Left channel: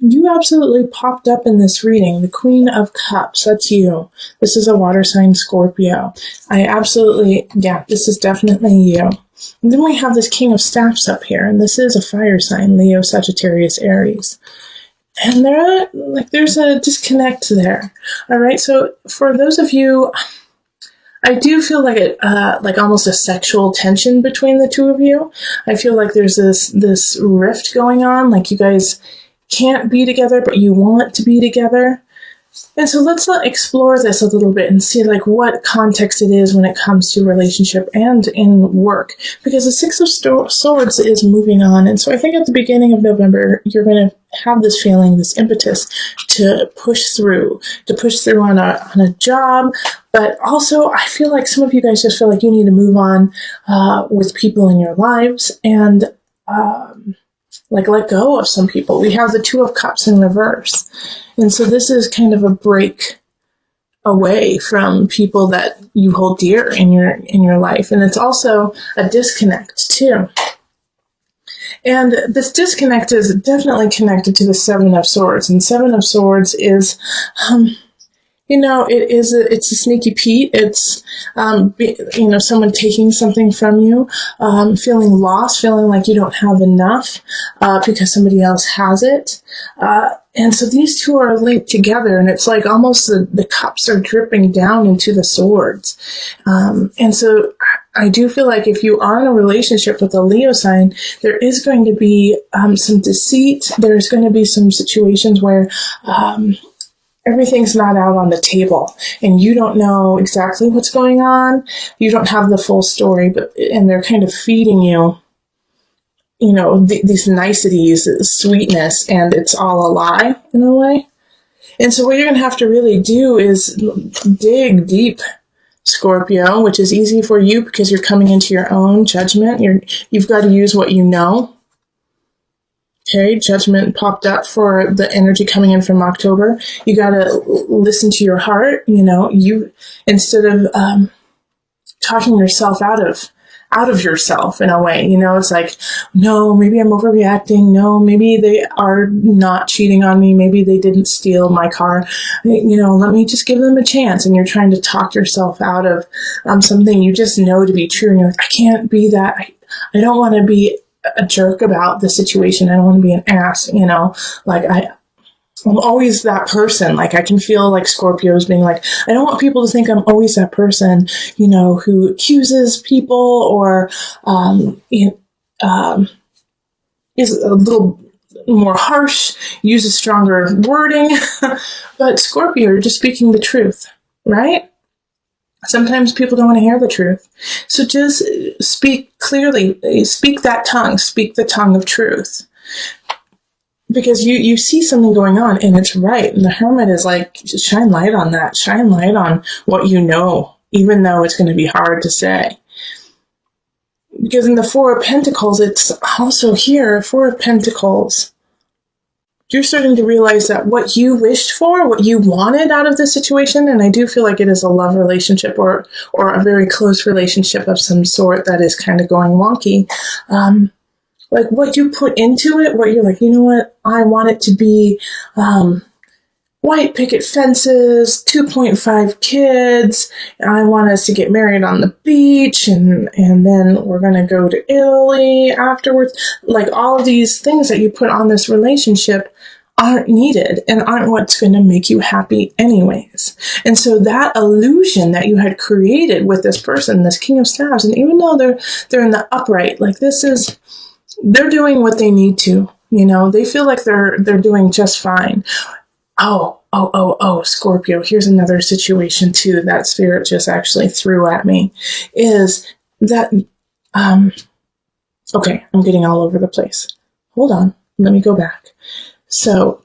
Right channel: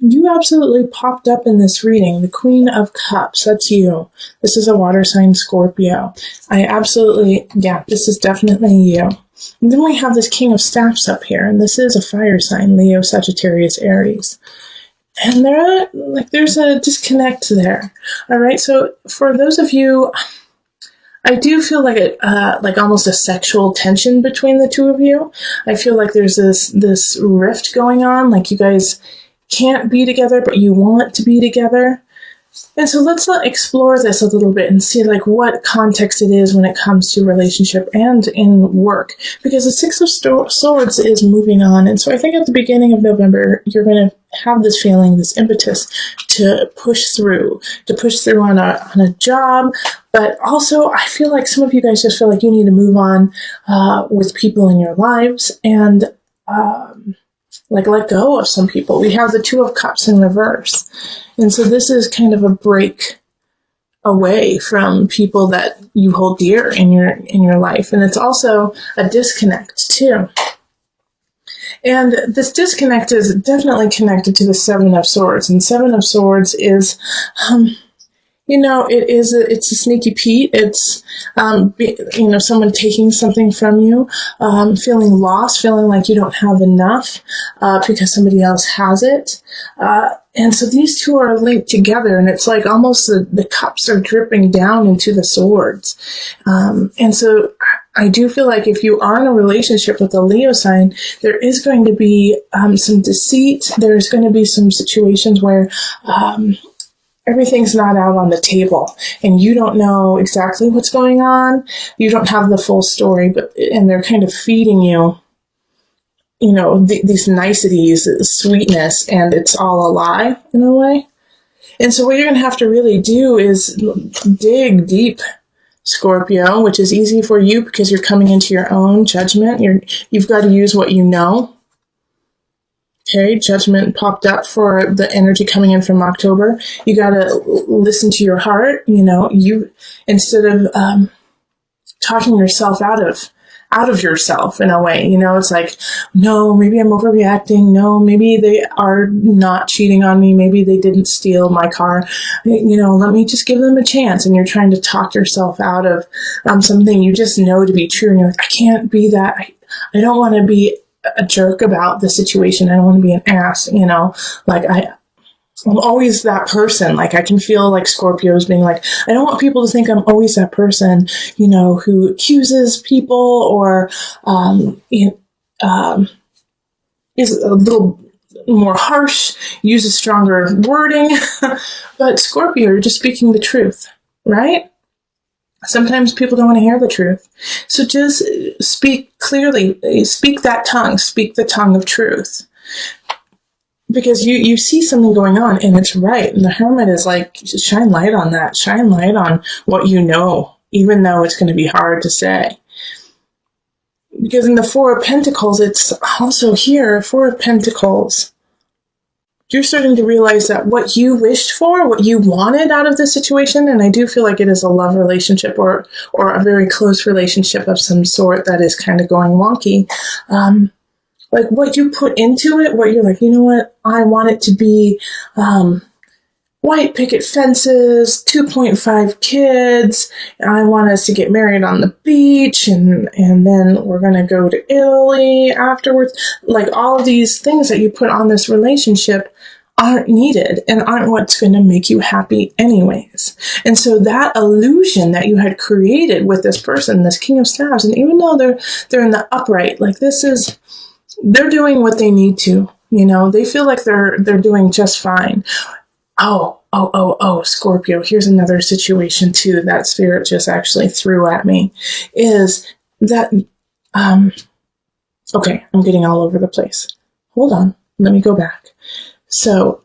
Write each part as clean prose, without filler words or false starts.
You absolutely popped up in this reading. The Queen of Cups, that's you. This is a water sign Scorpio. This is definitely you. And then we have this King of Staffs up here, and this is a fire sign, Leo, Sagittarius, Aries. And there's a disconnect there. All right, so for those of you, I do feel like almost a sexual tension between the two of you. I feel like there's this rift going on, like you guys can't be together, but you want to be together. And so let's explore this a little bit and see like what context it is when it comes to relationship and in work. Because the Six of Swords is moving on. And so I think at the beginning of November, you're going to have this feeling, this impetus to push through on a job. But also I feel like some of you guys just feel like you need to move on with people in your lives and let go of some people. We have the Two of Cups in reverse. And so this is kind of a break away from people that you hold dear in your life. And it's also a disconnect too. And this disconnect is definitely connected to the Seven of Swords. And Seven of Swords is, it's a sneaky Pete. It's, someone taking something from you, feeling lost, feeling like you don't have enough because somebody else has it. And so these two are linked together, and it's like almost the cups are dripping down into the swords. And so I do feel like if you are in a relationship with a Leo sign, there is going to be some deceit. There's going to be some situations where everything's not out on the table and you don't know exactly what's going on. You don't have the full story, and they're kind of feeding you, these niceties and sweetness, and it's all a lie in a way. And so what you're going to have to really do is dig deep, Scorpio, which is easy for you because you're coming into your own judgment. You've got to use what you know. Okay, judgment popped up for the energy coming in from October. You gotta listen to your heart. You instead of talking yourself out of yourself in a way. It's like, no, maybe I'm overreacting. No, maybe they are not cheating on me. Maybe they didn't steal my car. Let me just give them a chance. And you're trying to talk yourself out of something you just know to be true. And you're like, I can't be that. I don't want to be a jerk about the situation. I don't want to be an ass, I'm always that person. Like I can feel like Scorpios being like, I don't want people to think I'm always that person, who accuses people or is a little more harsh, uses stronger wording. But Scorpio, you're just speaking the truth, right? Sometimes people don't want to hear the truth. So just speak clearly. Speak that tongue. Speak the tongue of truth. Because you see something going on, and it's right. The Hermit is like, just shine light on that. Shine light on what you know, even though it's going to be hard to say. Because in the Four of Pentacles, it's also here, Four of Pentacles. You're starting to realize that what you wished for, what you wanted out of the situation, and I do feel like it is a love relationship or a very close relationship of some sort that is kind of going wonky. Like what you put into it, what you're like, you know what, I want it to be white picket fences, 2.5 kids, and I want us to get married on the beach, and then we're going to go to Italy afterwards. Like all of these things that you put on this relationship aren't needed and aren't what's going to make you happy anyways. And so that illusion that you had created with this person, this King of Staffs, and even though they're in the upright, like they're doing what they need to, they feel like they're doing just fine. Oh, Scorpio, here's another situation too that Spirit just actually threw at me, is that, okay, I'm getting all over the place. Hold on, let me go back. So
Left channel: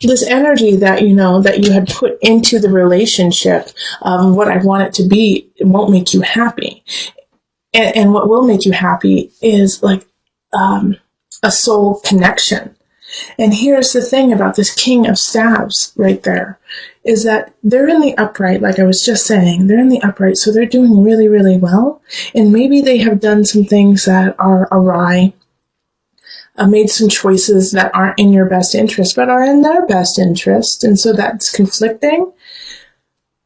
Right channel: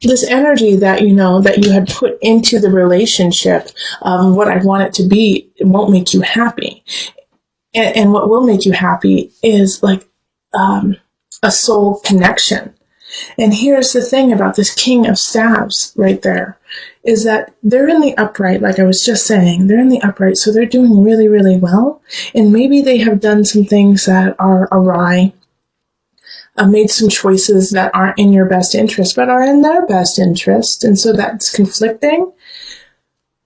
this energy that, that you have put into the relationship of what I want it to be, it won't make you happy. And what will make you happy is like a soul connection. And here's the thing about this King of Staffs right there, is that they're in the upright, like I was just saying, they're in the upright, so they're doing really, really well. And maybe they have done some things that are awry. made some choices that aren't in your best interest, but are in their best interest. And so that's conflicting.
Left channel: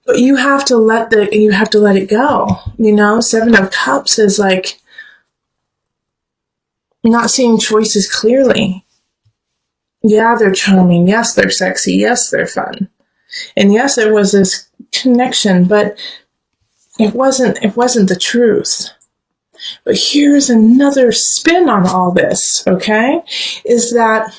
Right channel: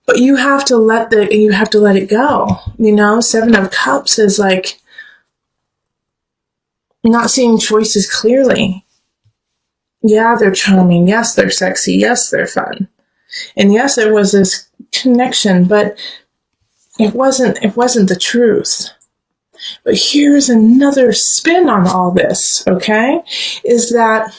But you have to let it go. You know, Seven of Cups is like not seeing choices clearly. Yeah, they're charming. Yes, they're sexy. Yes, they're fun. And yes, there was this connection, but it wasn't the truth. But here's another spin on all this, okay? Is that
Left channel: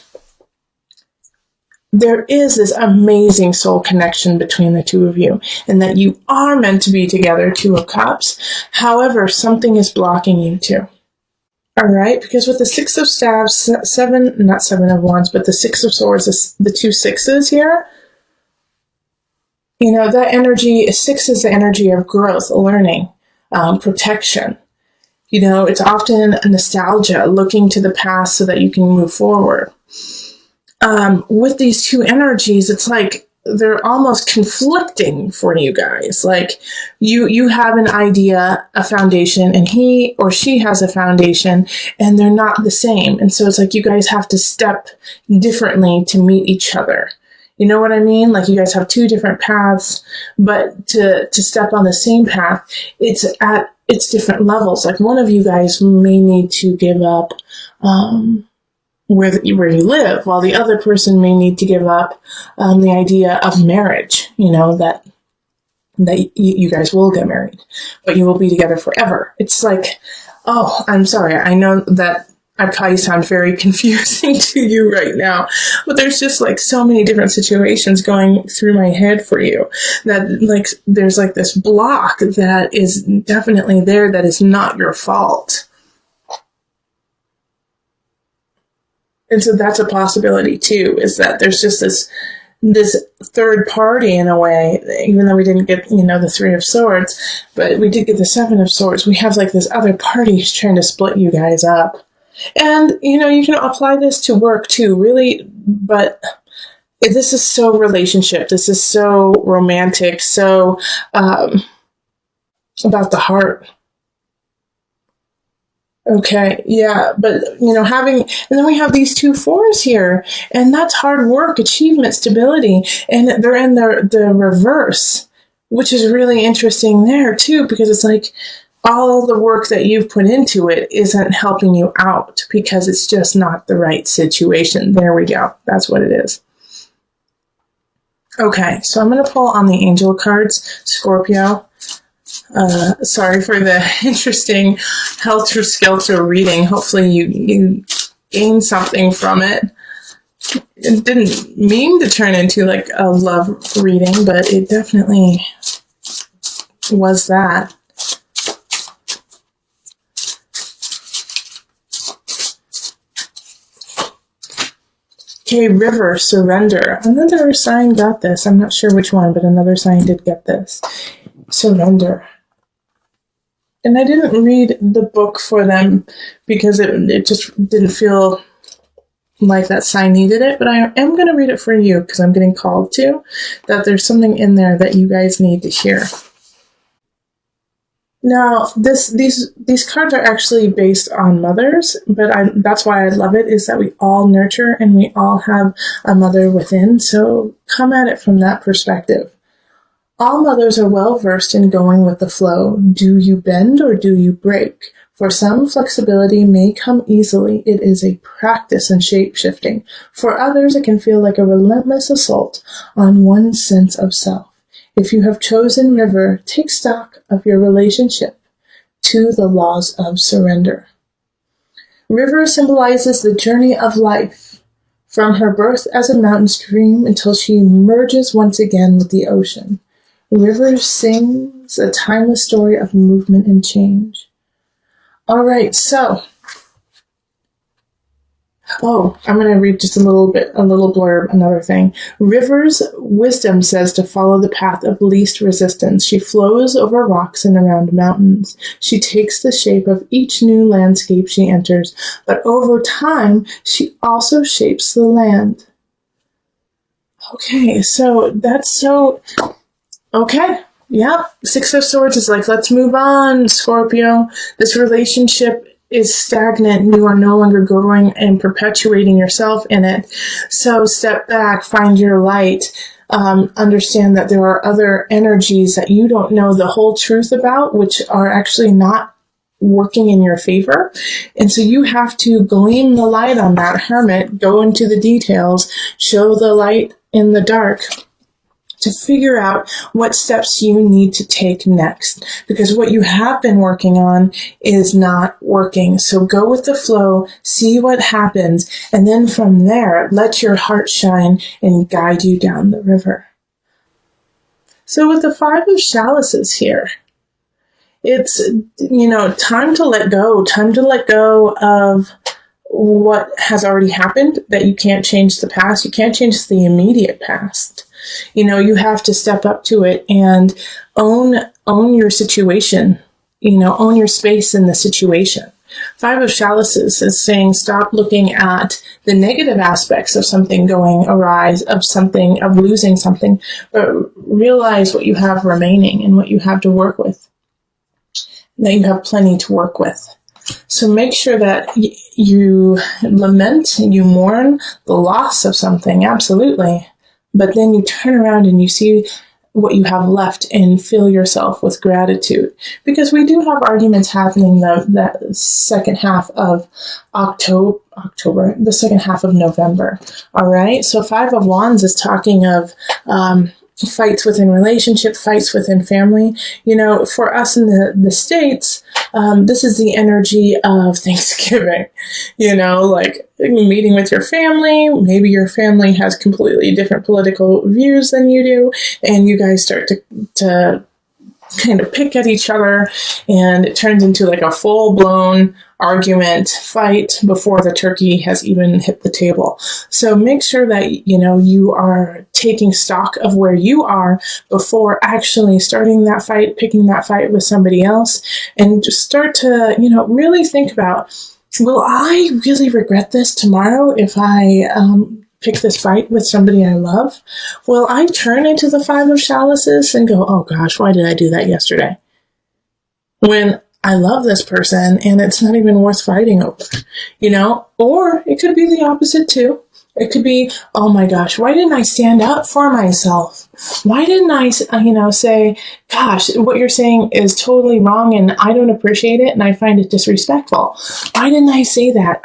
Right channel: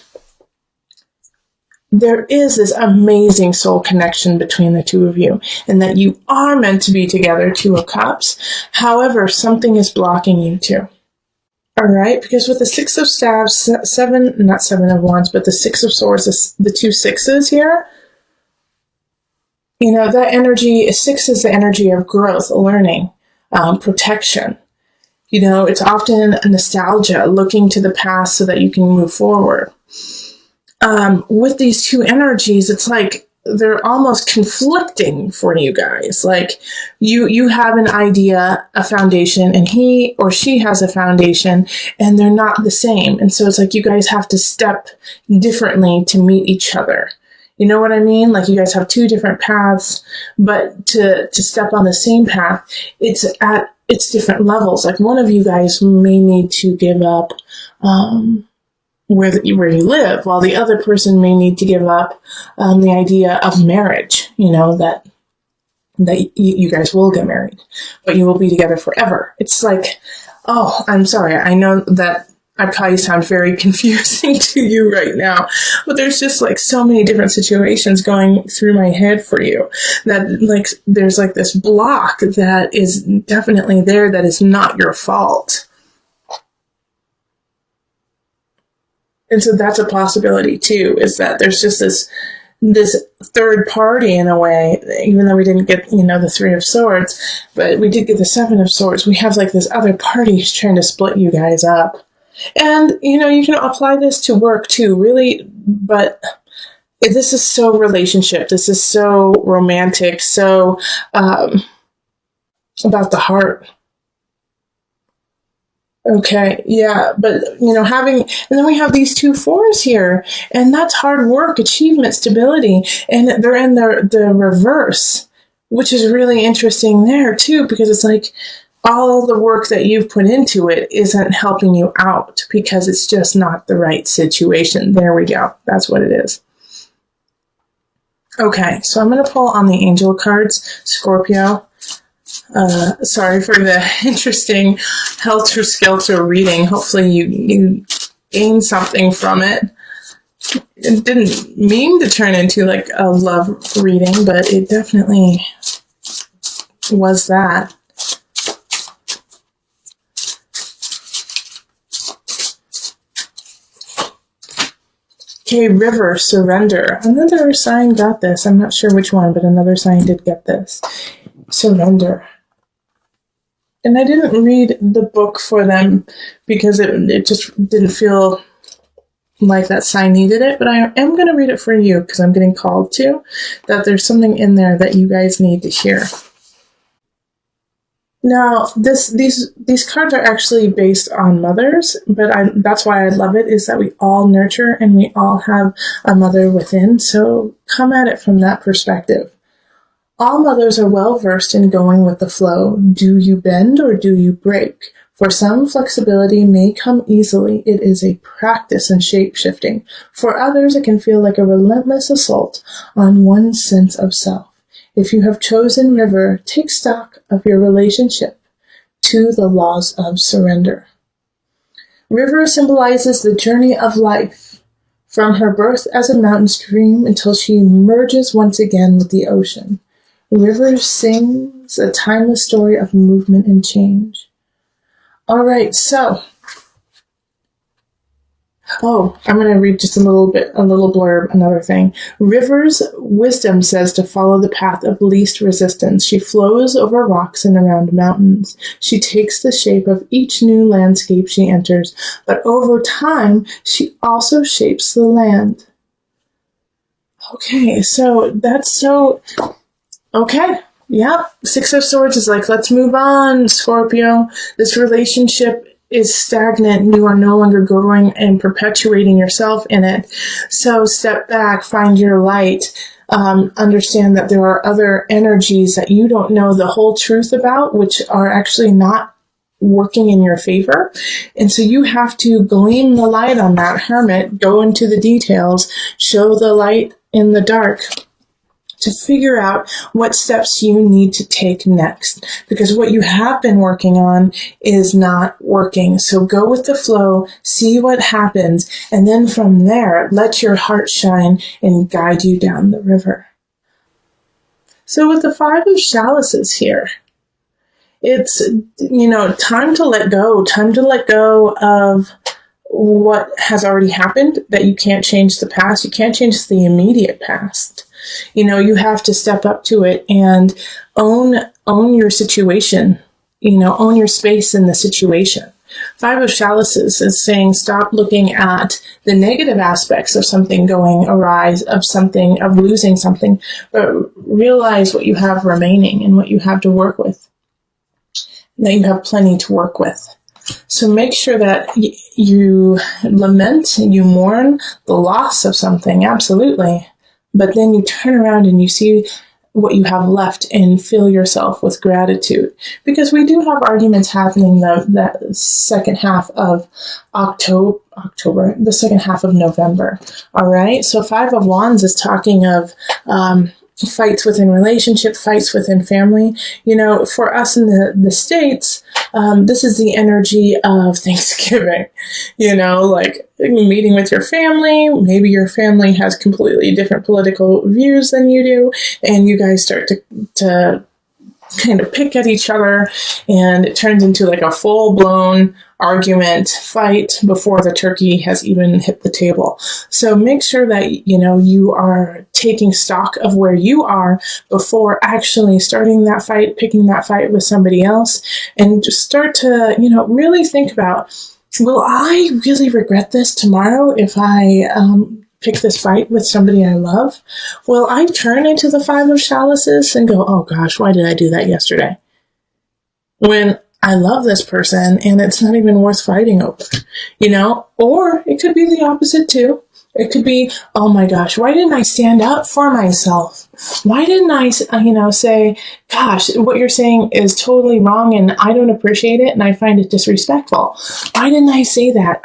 there is this amazing soul connection between the two of you, and that you are meant to be together, Two of Cups. However, something is blocking you too. All right, because with the Six of Staves, not Seven of Wands, but the Six of Swords, the two sixes here, you know, that energy, six is the energy of growth, learning, protection. You know, it's often nostalgia, looking to the past so that you can move forward. With these two energies, it's like they're almost conflicting for you guys. Like you have an idea, a foundation, and he or she has a foundation, and they're not the same. And so it's like you guys have to step differently to meet each other. You know what I mean? Like you guys have two different paths, but to step on the same path, it's different levels. Like one of you guys may need to give up where you live, while the other person may need to give up the idea of marriage. You know, that you guys will get married, but you will be together forever. It's like, oh, I'm sorry. I know that I probably sound very confusing to you right now, but there's just like so many different situations going through my head for you that like there's like this block that is definitely there that is not your fault. And so that's a possibility too, is that there's just this third party in a way, even though we didn't get, you know, the Three of Swords, but we did get the Seven of Swords. We have like this other party who's trying to split you guys up. And, you know, you can apply this to work too, really, but this is so relationship. This is so romantic, so about the heart. Okay, yeah, but, you know, and then we have these two fours here, and that's hard work, achievement, stability, and they're in the reverse, which is really interesting there too, because it's like, all the work that you've put into it isn't helping you out because it's just not the right situation. There we go. That's what it is. Okay, so I'm going to pull on the angel cards, Scorpio. Sorry for the interesting helter-skelter reading. Hopefully you gain something from it. It didn't mean to turn into like a love reading, but it definitely was that. Okay, River, Surrender. Another sign got this. I'm not sure which one, but another sign did get this. Surrender. And I didn't read the book for them because it just didn't feel like that sign needed it, but I am going to read it for you because I'm getting called to, that there's something in there that you guys need to hear. Now, these cards are actually based on mothers, but that's why I love it, is that we all nurture and we all have a mother within, so come at it from that perspective. All mothers are well versed in going with the flow. Do you bend or do you break? For some, flexibility may come easily. It is a practice in shape-shifting. For others, it can feel like a relentless assault on one's sense of self. If you have chosen River, take stock of your relationship to the laws of surrender. River symbolizes the journey of life, from her birth as a mountain stream until she merges once again with the ocean. River sings a timeless story of movement and change. All right, so I'm going to read just a little blurb, another thing. River's wisdom says to follow the path of least resistance. She flows over rocks and around mountains. She takes the shape of each new landscape she enters, but over time, she also shapes the land. Okay, so that's so... Okay, yeah. Six of Swords is like, let's move on, Scorpio. This relationship is stagnant. You are no longer growing and perpetuating yourself in it. So step back, find your light, understand that there are other energies that you don't know the whole truth about, which are actually not working in your favor. And so you have to gleam the light on that, hermit, go into the details, show the light in the dark, to figure out what steps you need to take next. Because what you have been working on is not working. So go with the flow, see what happens, and then from there, let your heart shine and guide you down the river. So with the 5 of chalices here, it's, time to let go of what has already happened, that you can't change the past. You can't change the immediate past. You have to step up to it and own your situation, own your space in the situation. 5 of chalices is saying stop looking at the negative aspects of something going awry, of losing something, but realize what you have remaining and what you have to work with, that you have plenty to work with. So make sure that you lament and you mourn the loss of something, absolutely. But then you turn around and you see what you have left and fill yourself with gratitude. Because we do have arguments happening that second half of October, the second half of November. All right. So 5 of Wands is talking of fights within relationship, fights within family. For us in the States, this is the energy of Thanksgiving, like meeting with your family. Maybe your family has completely different political views than you do, and you guys start to kind of pick at each other, and it turns into like a full-blown argument, fight before the turkey has even hit the table. So make sure that, you are taking stock of where you are before actually starting that fight, picking that fight with somebody else, and just start to, really think about, will I really regret this tomorrow if I pick this fight with somebody I love? Well, I turn into the 5 of chalices and go, oh gosh, why did I do that yesterday? When I love this person and it's not even worth fighting over, Or it could be the opposite too. It could be, oh my gosh, why didn't I stand up for myself? Why didn't I, say, gosh, what you're saying is totally wrong and I don't appreciate it and I find it disrespectful. Why didn't I say that?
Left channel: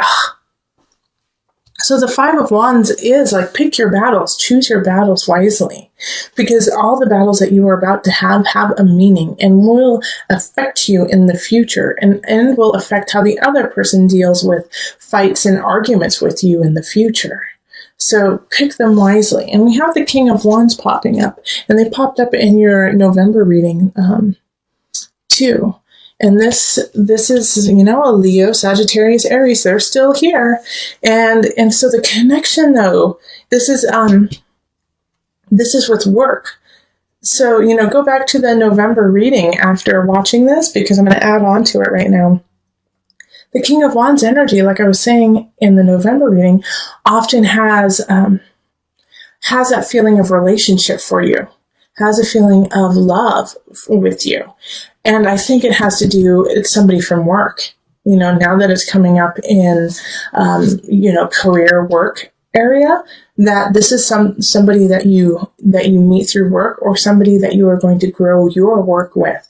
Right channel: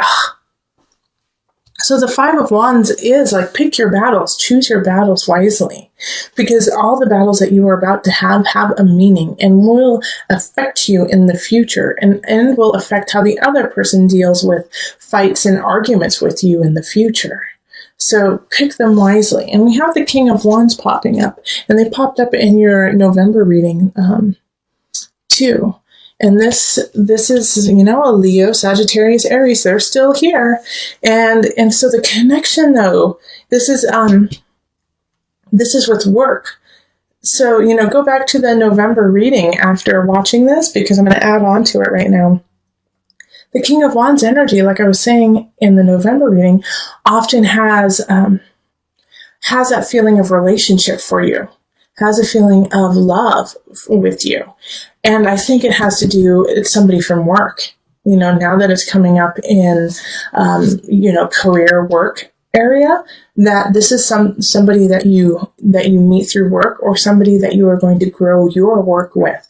So the 5 of Wands is like, pick your battles, choose your battles wisely, because all the battles that you are about to have a meaning and will affect you in the future, and will affect how the other person deals with fights and arguments with you in the future. So pick them wisely. And we have the King of Wands popping up, and they popped up in your November reading too. And this is, a Leo, Sagittarius, Aries. They're still here. And so the connection though, this is with work. So, go back to the November reading after watching this, because I'm going to add on to it right now. The King of Wands energy, like I was saying in the November reading, often has that feeling of relationship for you, has a feeling of love with you. And I think it has to do with somebody from work, now that it's coming up in, career work area, that this is somebody that you meet through work, or somebody that you are going to grow your work with.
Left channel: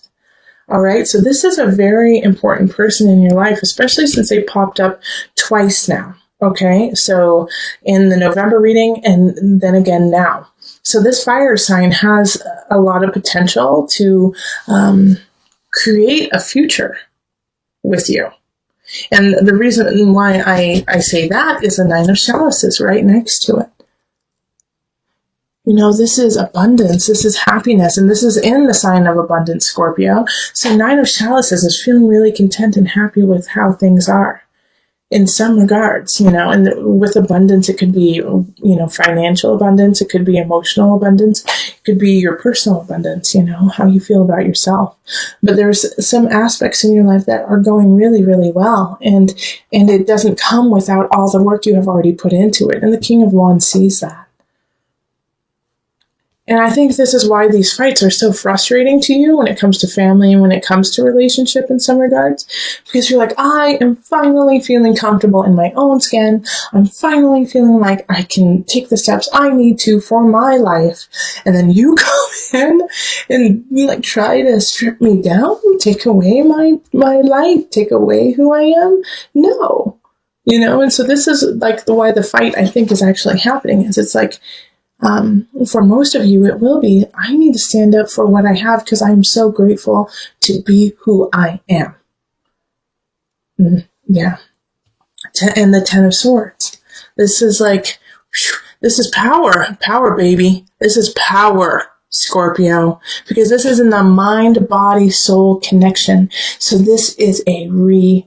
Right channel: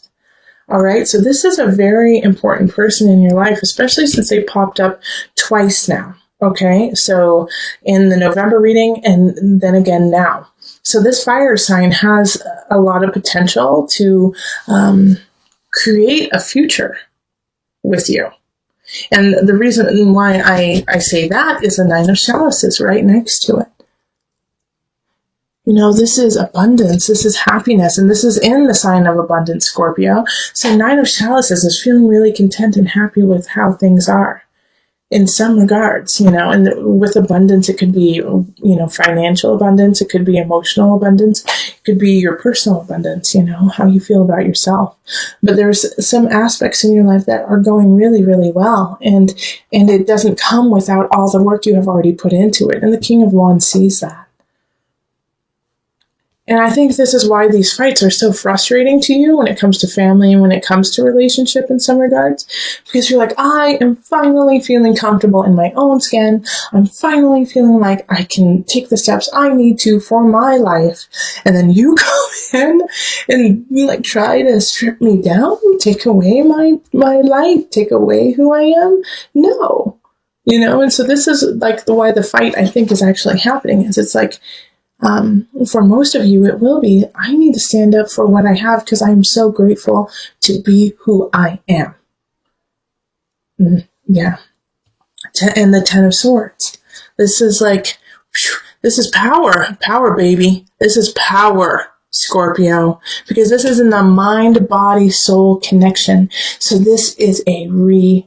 All right. So this is a very important person in your life, especially since they popped up twice now. Okay. So in the November reading and then again now. So this fire sign has a lot of potential to, create a future with you. And the reason why I say that is the 9 of chalices right next to it. This is abundance, this is happiness, and this is in the sign of abundance, Scorpio. So 9 of chalices is feeling really content and happy with how things are in some regards, and with abundance, it could be, financial abundance, it could be emotional abundance, it could be your personal abundance, how you feel about yourself. But there's some aspects in your life that are going really, really well, and it doesn't come without all the work you have already put into it. And the King of Wands sees that. And I think this is why these fights are so frustrating to you when it comes to family and when it comes to relationship in some regards. Because you're like, I am finally feeling comfortable in my own skin. I'm finally feeling like I can take the steps I need to for my life. And then you come in and you like try to strip me down, take away my life, take away who I am. No. You know, and so this is like why the fight I think is actually happening is it's like, for most of you, it will be, I need to stand up for what I have because I'm so grateful to be who I am. Yeah. And the Ten of Swords. This is like, this is power. Power, baby. This is power, Scorpio. Because this is in the mind, body, soul connection. So this is a rebirth.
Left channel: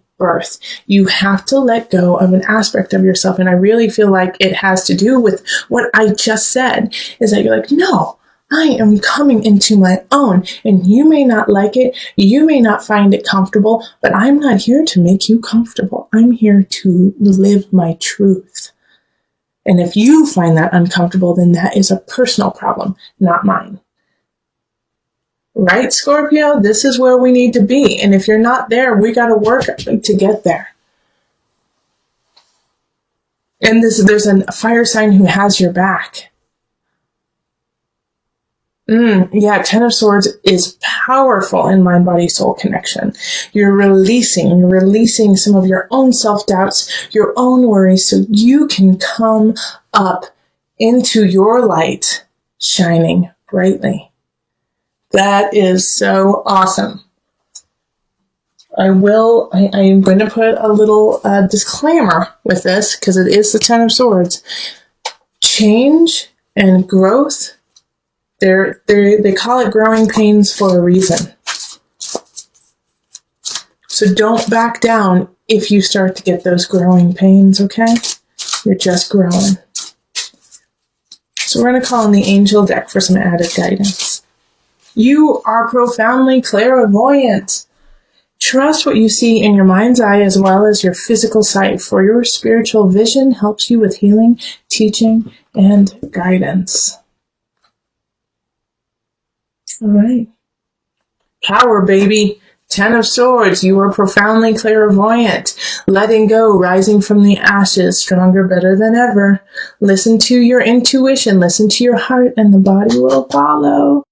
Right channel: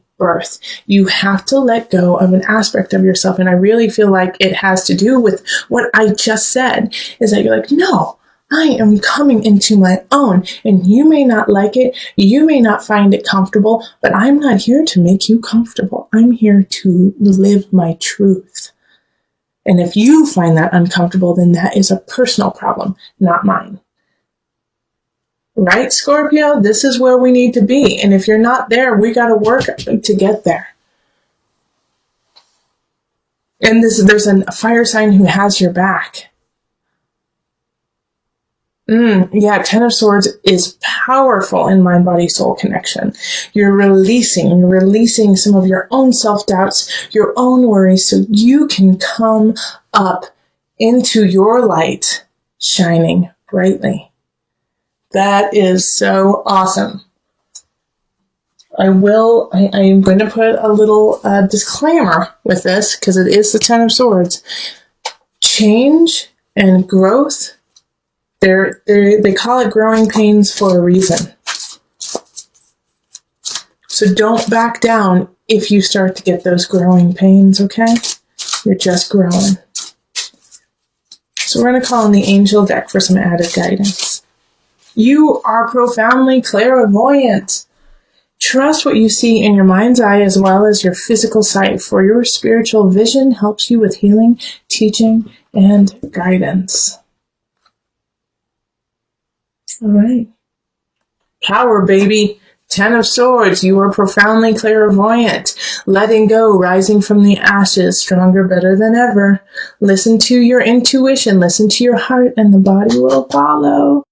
You have to let go of an aspect of yourself. And I really feel like it has to do with what I just said, is that you're like, no, I am coming into my own, and you may not like it. You may not find it comfortable, but I'm not here to make you comfortable. I'm here to live my truth. And if you find that uncomfortable, then that is a personal problem, not mine. Right, Scorpio? This is where we need to be. And if you're not there, we got to work to get there. And there's a fire sign who has your back. Yeah, Ten of Swords is powerful in mind-body-soul connection. You're releasing some of your own self-doubts, your own worries, so you can come up into your light, shining brightly. That is so awesome. I am going to put a little disclaimer with this, because it is the Ten of Swords. Change and growth, they call it growing pains for a reason. So don't back down if you start to get those growing pains, okay? You're just growing. So we're going to call on the angel deck for some added guidance. You are profoundly clairvoyant. Trust what you see in your mind's eye as well as your physical sight, for your spiritual vision helps you with healing, teaching, and guidance. All right. Power, baby. Ten of Swords. You are profoundly clairvoyant. Letting go, rising from the ashes, stronger, better than ever. Listen to your intuition. Listen to your heart, and the body will follow.